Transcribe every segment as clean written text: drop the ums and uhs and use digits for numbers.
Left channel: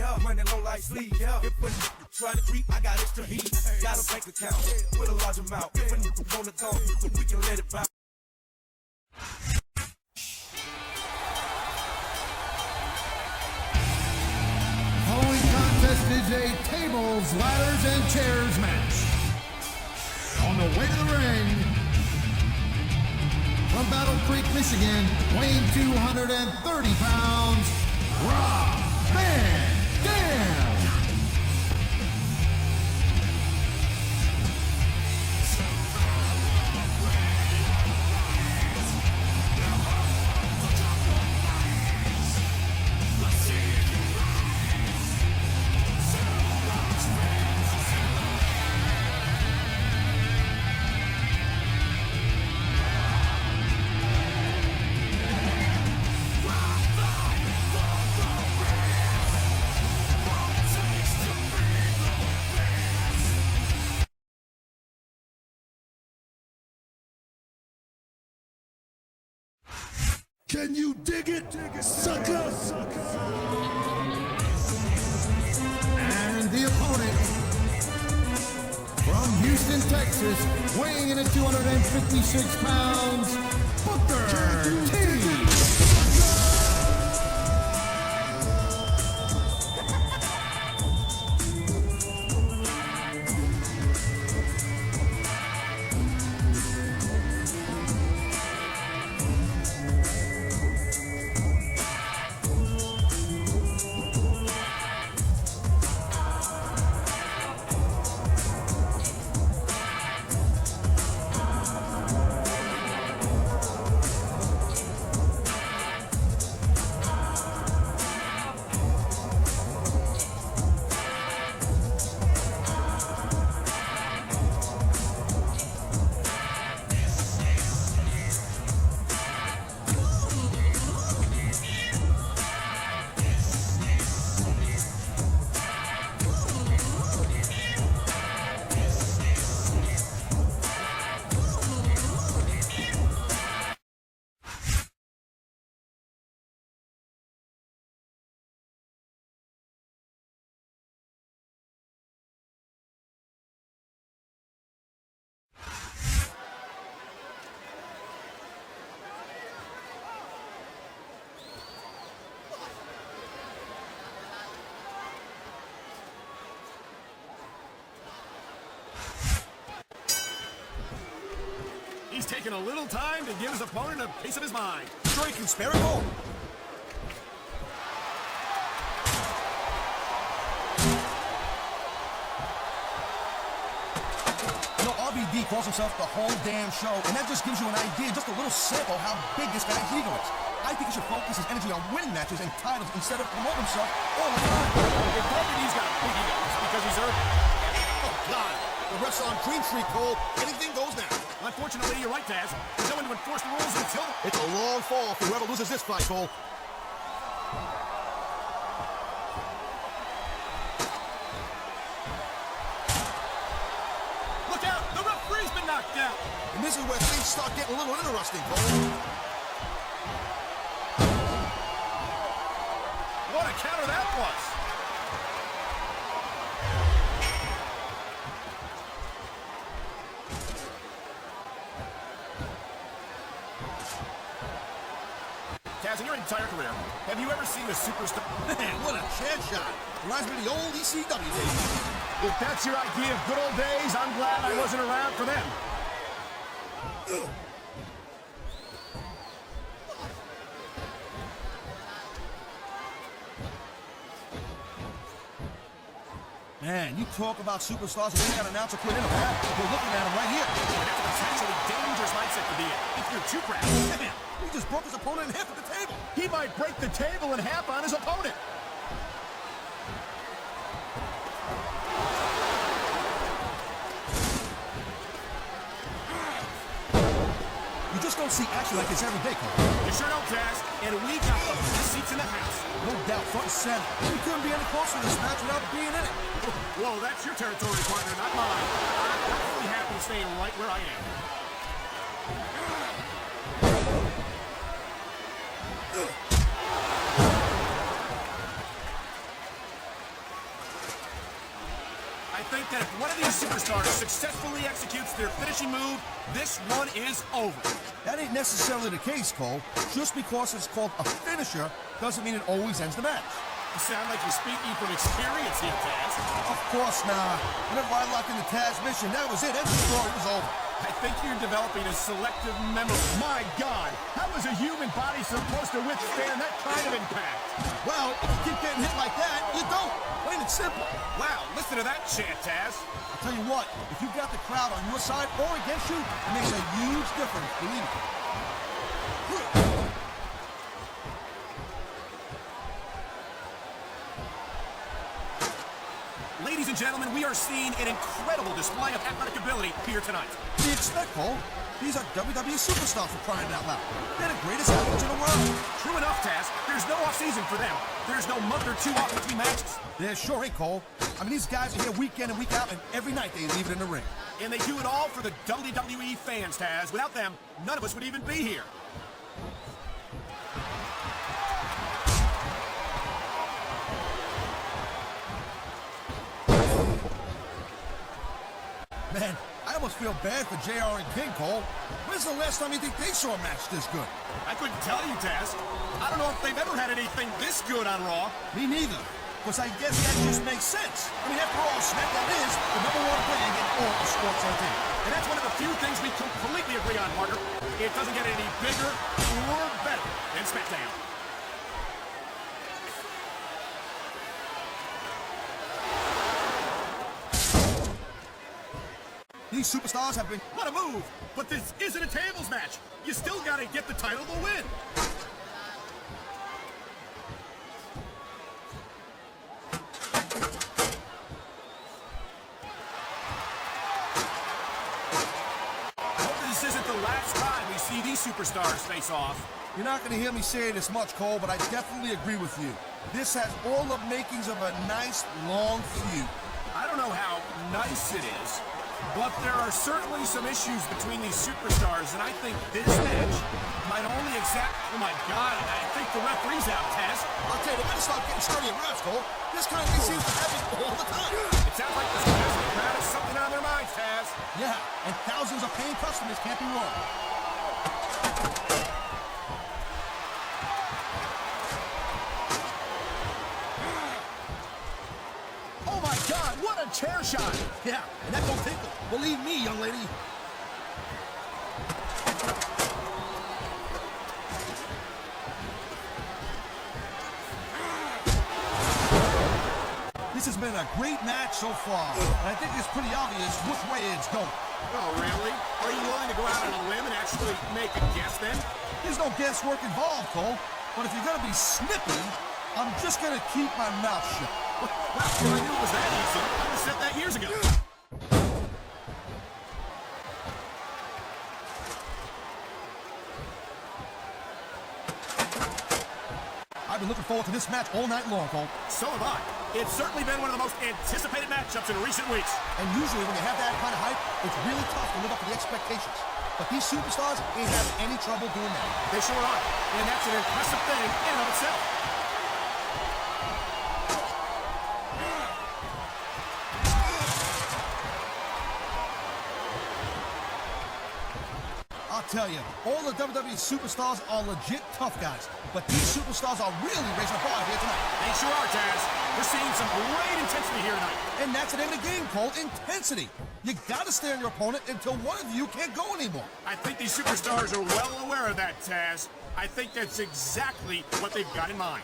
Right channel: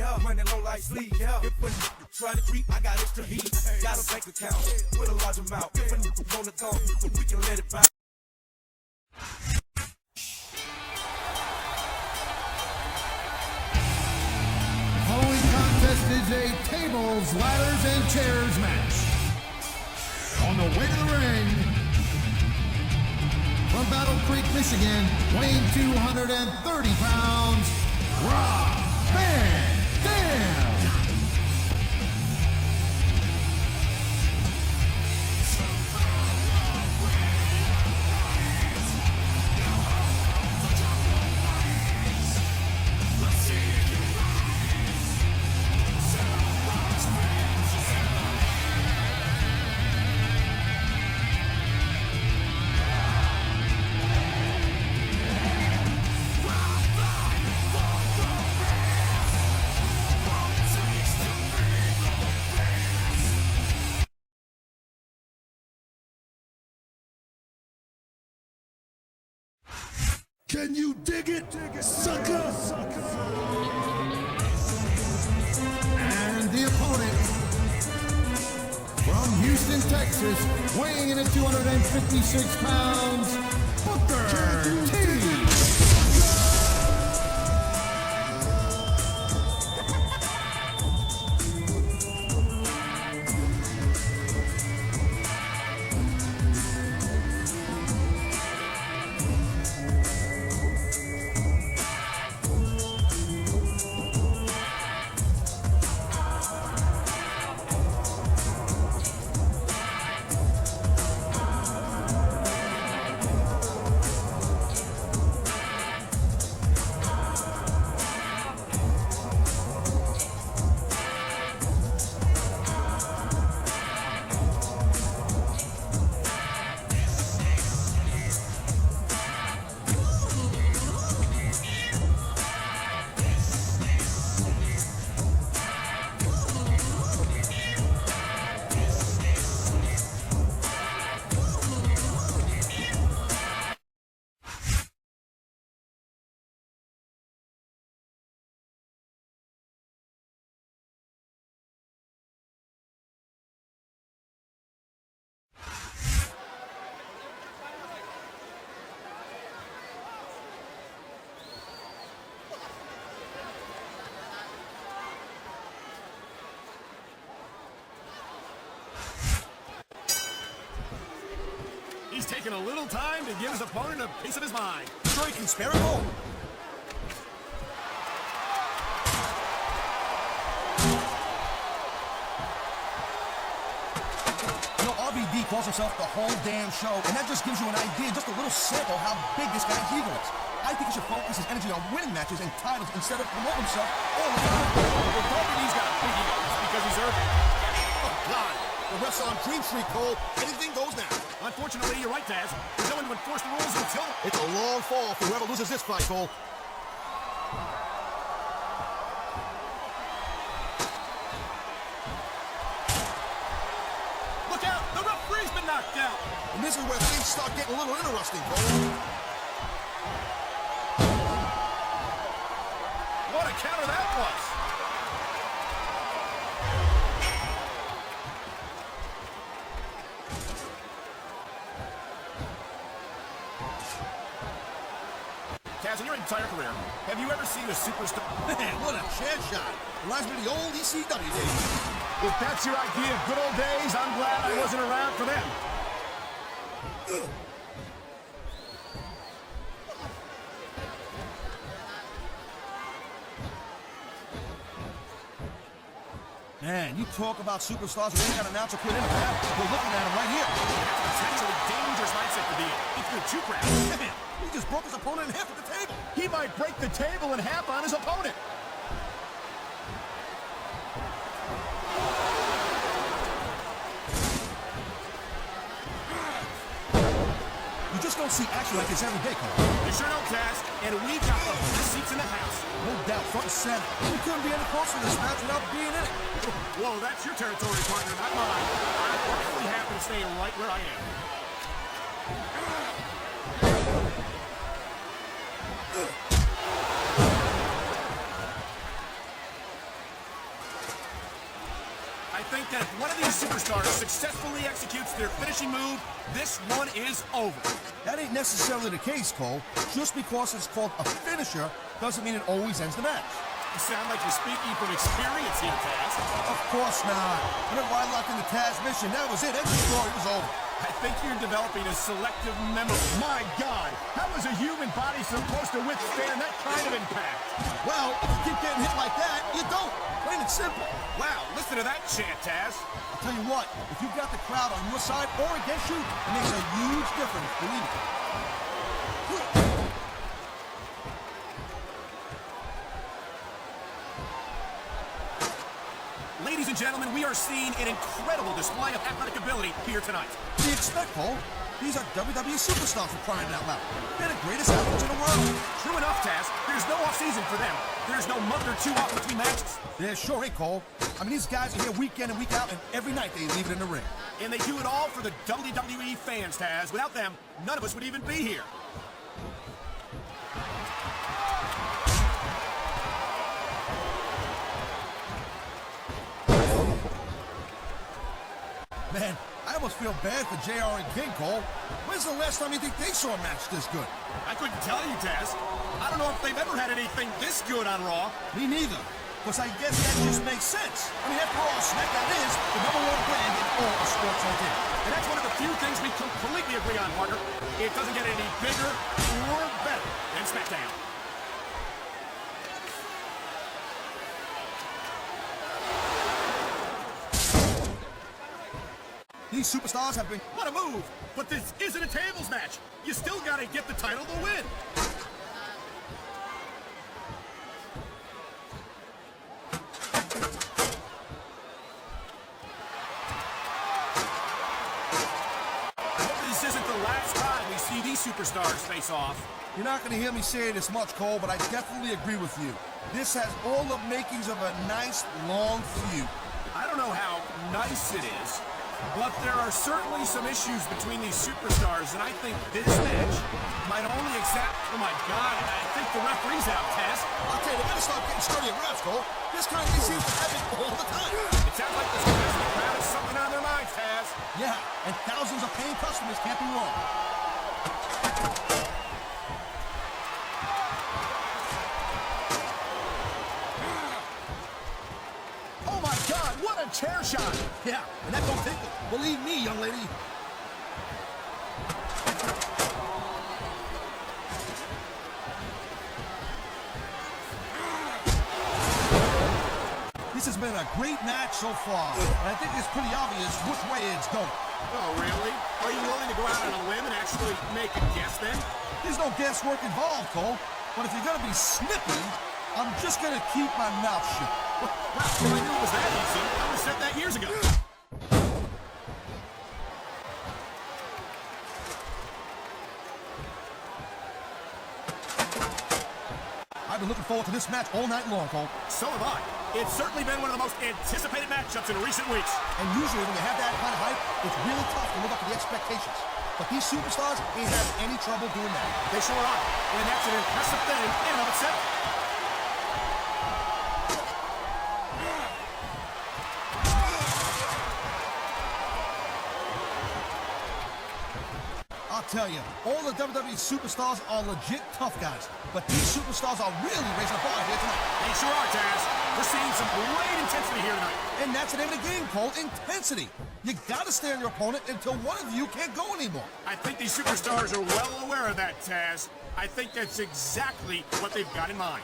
I'm running on like sleep. Try to keep, I got extra heat. Got a bank account with a large amount. When you pull the call, we can let it bounce. Following contest is a tables, ladders, and chairs match. On the way to the ring, from Battle Creek, Michigan, weighing 230 pounds, Can you dig it, sucker? And the opponent, from Houston, Texas, weighing in at 256 pounds, Booker T. He's taking a little time to give his opponent a piece of his mind. Striking spirit home. RVD calls himself the whole damn show, and that just gives you an idea, just a little sample of how big this guy's ego is. I think he should focus his energy on winning matches and titles instead of promoting himself. RVD's got because he's hurt. Oh, God. The Russ on Green Street, Cole. Anything goes now. Unfortunately, like that, he's going to enforce the rules until... It's a long fall for whoever loses this fight, Cole. Look out! The referee's been knocked out! And this is where things start getting a little interesting, Cole. What a counter that was! Taz, in your entire career, have you ever seen a superstar? Hey, what a headshot. Reminds me of the old ECW days. If that's your idea of good old days, I'm glad I wasn't around for that. Man, you talk about superstars who didn't announce a put in a ball. Right here. Potential dangerous lights at the field. You're too crap. He just broke his opponent in half with the table. He might break the table in half on his opponent. You just don't see action like this every day, Cole. You sure don't, Taz. And we got the best seats in the house. No doubt, front seat. You can't be close to this match without being in it. Whoa, that's your territory, partner, not mine. I'm perfectly happy to stay right where I am. think that if one of these superstars successfully executes their finishing move, this one is over. That ain't necessarily the case, Cole. Just because it's called a finisher doesn't mean it always ends the match. You sound like you're speaking from experience here, Taz. Of course not. Whenever I locked in the Taz mission, that was it. That story was over. I think you're developing a selective memory. My God, how is a human body supposed to withstand that kind of impact? Well, if you keep getting hit like that, you don't. Plain and simple. Wow, listen to that chant, Taz. I'll tell you what, if you've got the crowd on your side or against you, it makes a huge difference, believe me. Ladies and gentlemen, we are seeing an incredible display of athletic ability here tonight. You expect, Cole? These are WWE superstars for crying out loud. They're the greatest athletes in the world. True enough, Taz. There's no off-season for them. There's no month or 2 weeks between matches. That sure ain't, Cole. I mean, these guys are here week in and week out, and every night they leave it in the ring. And they do it all for the WWE fans, Taz. Without them, none of us would even be here. Man, I almost feel bad for JR and King, Cole. When's the last time you think they saw a match this good? I couldn't tell you, Taz. I don't know if they've ever had anything this good on Raw. Me neither. Because I guess that just makes sense. I mean, after all, SmackDown is the number one brand in all of sports TV. And that's one of the few things they completely agree on, Parker. It doesn't get any bigger or better than SmackDown. These superstars have been... What a move! But this isn't a tables match. You still gotta get the title to win. This isn't the last time we see these superstars face off. You're not going to hear me saying this much, Cole, but I definitely agree with you. This has all the makings of a nice, long feud. I don't know how nice it is, but there are certainly some issues between these superstars, and I think this match might only exact... Oh my God, I think the referee's out, Taz. I'll tell you, they start getting steady at refs, Cole. This guy needs to all the time. It sounds like this crowd has something on their minds, Taz. Yeah, and thousands of paying customers can't be wrong. Oh my God, what a chair shot. Yeah, and that goes it. Believe me, young lady. This has been a great match so far, and I think it's pretty obvious which way it's going. Oh, really? Are you willing to go out on a limb and actually make a guess then? There's no guesswork involved, Cole. But if you're going to be snippy, I'm just going to keep my mouth shut. How can I know it was that easy? I would have said that years ago. I've been looking forward to this match all night long, Cole. So have I. It's certainly been one of the most anticipated matchups in recent weeks. And usually when you have that kind of hype, it's really tough to live up to the expectations. But these superstars ain't in any trouble doing that. They sure are. And that's an impressive thing in and of itself. I'll tell you, all the WWE superstars are legit tough guys. But these superstars are really raising the bar here tonight. And sure, Taz, we're seeing some great intensity here tonight. And that's an end of the game, Cole. Intensity. You gotta stay on your opponent until one of you can't go anymore. I think these superstars are well aware of that, Taz. I think that's exactly what they've got in mind.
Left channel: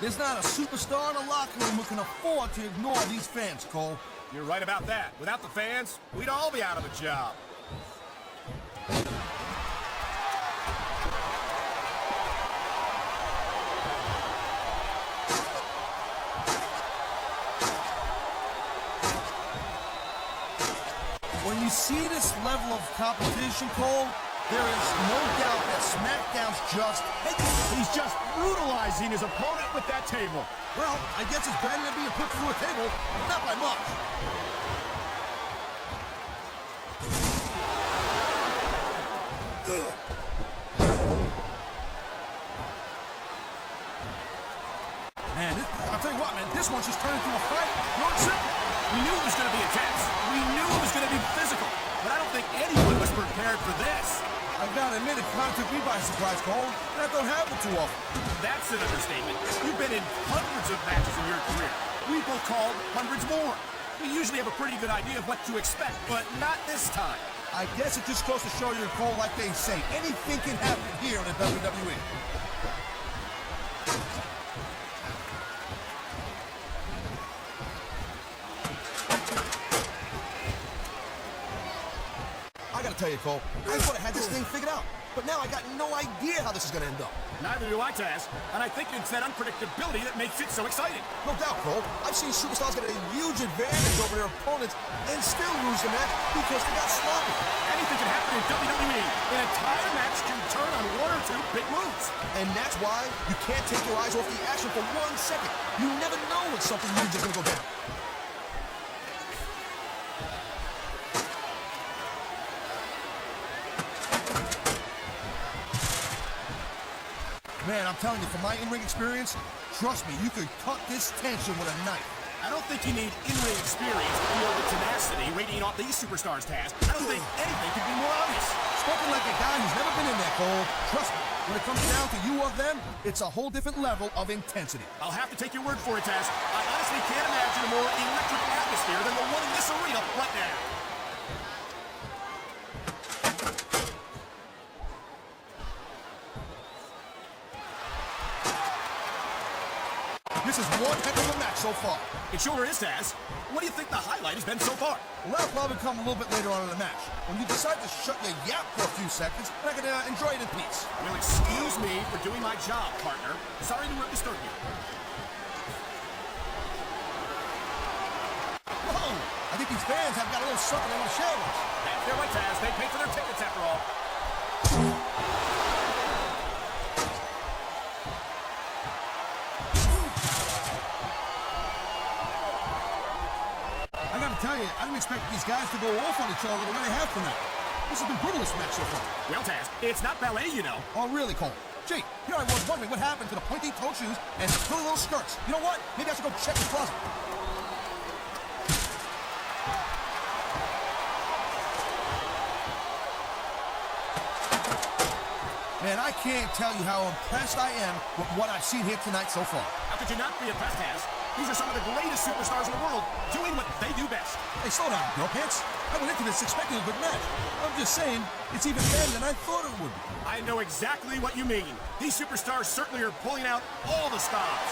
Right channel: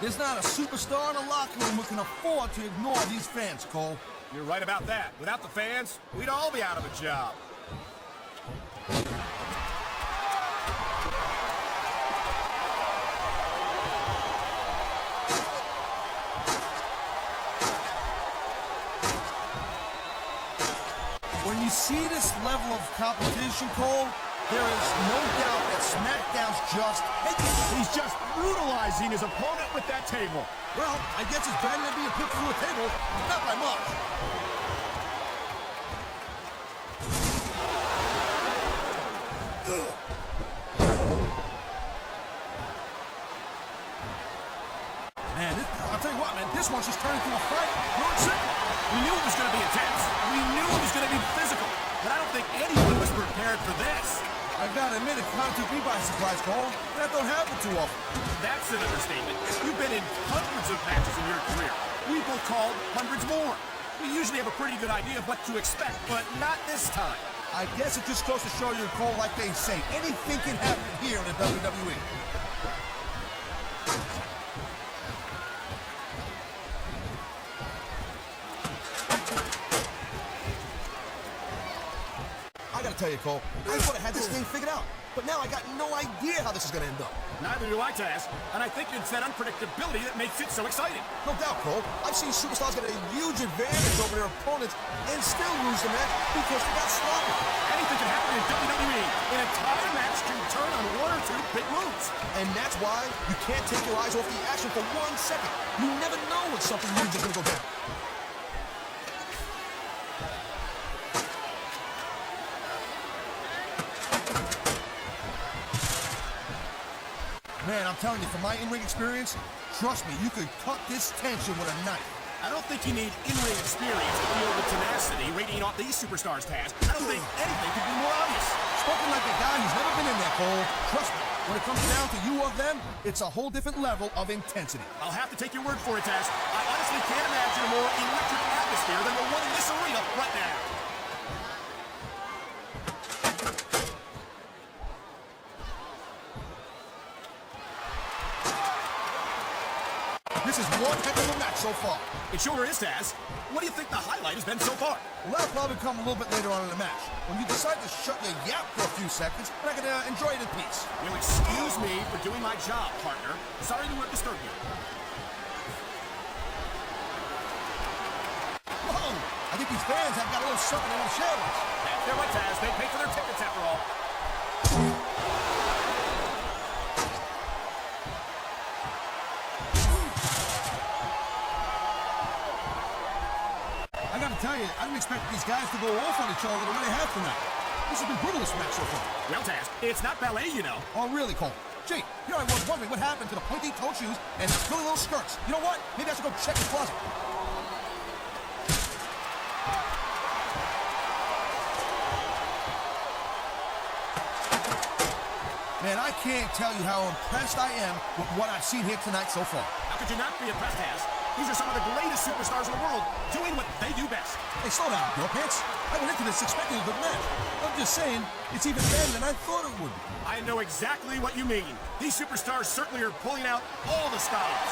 There's not a superstar in the locker room who can afford to ignore these fans, Cole. You're right about that. Without the fans, we'd all be out of a job. When you see this level of competition, Cole, there is no doubt that SmackDown's just... He's just brutalizing his opponent with that table. Well, I guess it's better than being put through a table, but not by much. Man, I'll tell you what, man, this one's just turning through the fight. We knew it was going to be intense. We knew it was going to be physical. But I don't think anyone was prepared for this. I gotta admit, it kind of took me by surprise, Cole. I don't have it too often. That's an understatement. You've been in hundreds of matches in your career. We will call hundreds more. We usually have a pretty good idea of what to expect, but not this time. I guess it just goes to show you, Cole, like they say, anything can happen here in the WWE. I gotta tell you, Cole, I could have had this figured out, but now I got no idea how this is gonna end up. Neither do I, Taz. And I think it's that unpredictability that makes it so exciting. No doubt, Cole. I've seen superstars get a huge advantage over their opponents and still lose the match because they got sloppy. Anything can happen in WWE. That entire match can turn on one or two big moves. And that's why you can't take your eyes off the action for 1 second. You never know when something huge is gonna go down. Man, I'm telling you, from my in-ring experience, trust me, you could cut this tension with a knife. I don't think you need in-ring experience to feel the tenacity radiating on these superstars, Taz. I don't think anything could be more obvious. Spoken like a guy who's never been in there, Cole. Trust me, when it comes down to you or them, it's a whole different level of intensity. I'll have to take your word for it, Taz. I honestly can't imagine an electric atmosphere than the one in this arena right now. This is one heck of a match so far. It sure is, Taz. What do you think the highlight has been so far? That'll probably come a little bit later on in the match. When you decide to shut your yap for a few seconds, and I can enjoy it in peace. Well, excuse me for doing my job, partner. Sorry to disturb you. Whoa! I think these fans have got a little something on the shadows. They're right, Taz. They paid for their tickets after all. I didn't expect these guys to go off on each other the way they have tonight. This has been brutal this match so far. Well, Taz, it's not ballet, you know. Oh, really, Cole? Gee, here I was wondering what happened to the pointy toe shoes and two little skirts. You know what? Maybe I should go check the closet. Man, I can't tell you how impressed I am with what I've seen here tonight so far. How could you not be impressed, Taz? These are some of the greatest superstars in the world doing what they do best. Hey, slow down, Pitts. I went into this expecting a good match. I'm just saying, it's even better than I thought it would. I know exactly what you mean. These superstars certainly are pulling out all the stops.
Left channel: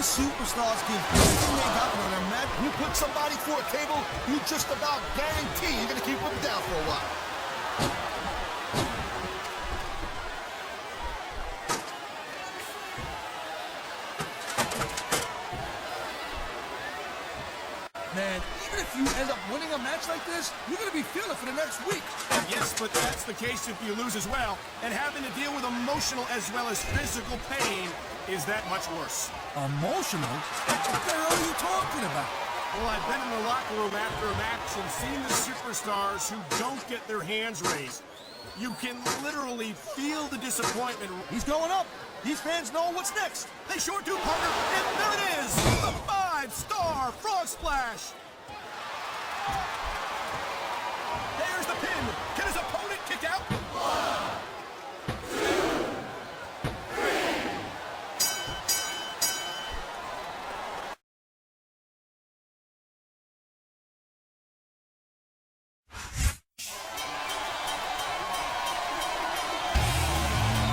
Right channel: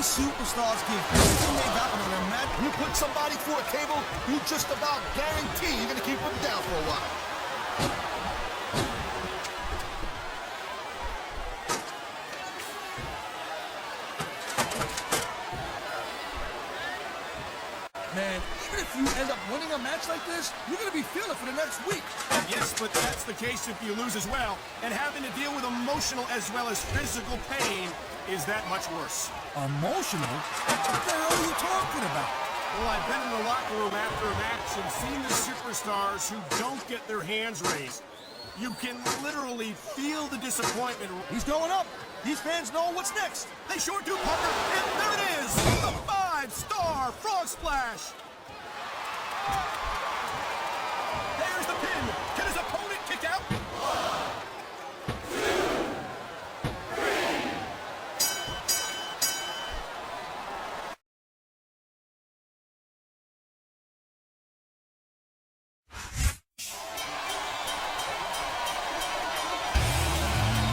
Superstars give everything they got in their match. You put somebody through a table, you just about guarantee you're going to keep them down for a while. Man, even if you end up winning a match like this, you're going to be feeling it for the next week. Yes, but that's the case if you lose as well. And having to deal with emotional as well as physical pain is that much worse. Emotional? What the hell are you talking about? Well, I've been in the locker room after a match and seen the superstars who don't get their hands raised. You can literally feel the disappointment. He's going up. These fans know what's next. They sure do, partner. And there it is, the 5-star frog splash. There's the pin. Can his opponent kick it up?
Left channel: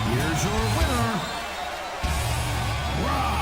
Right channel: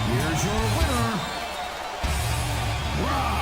Here's your winner. Wow.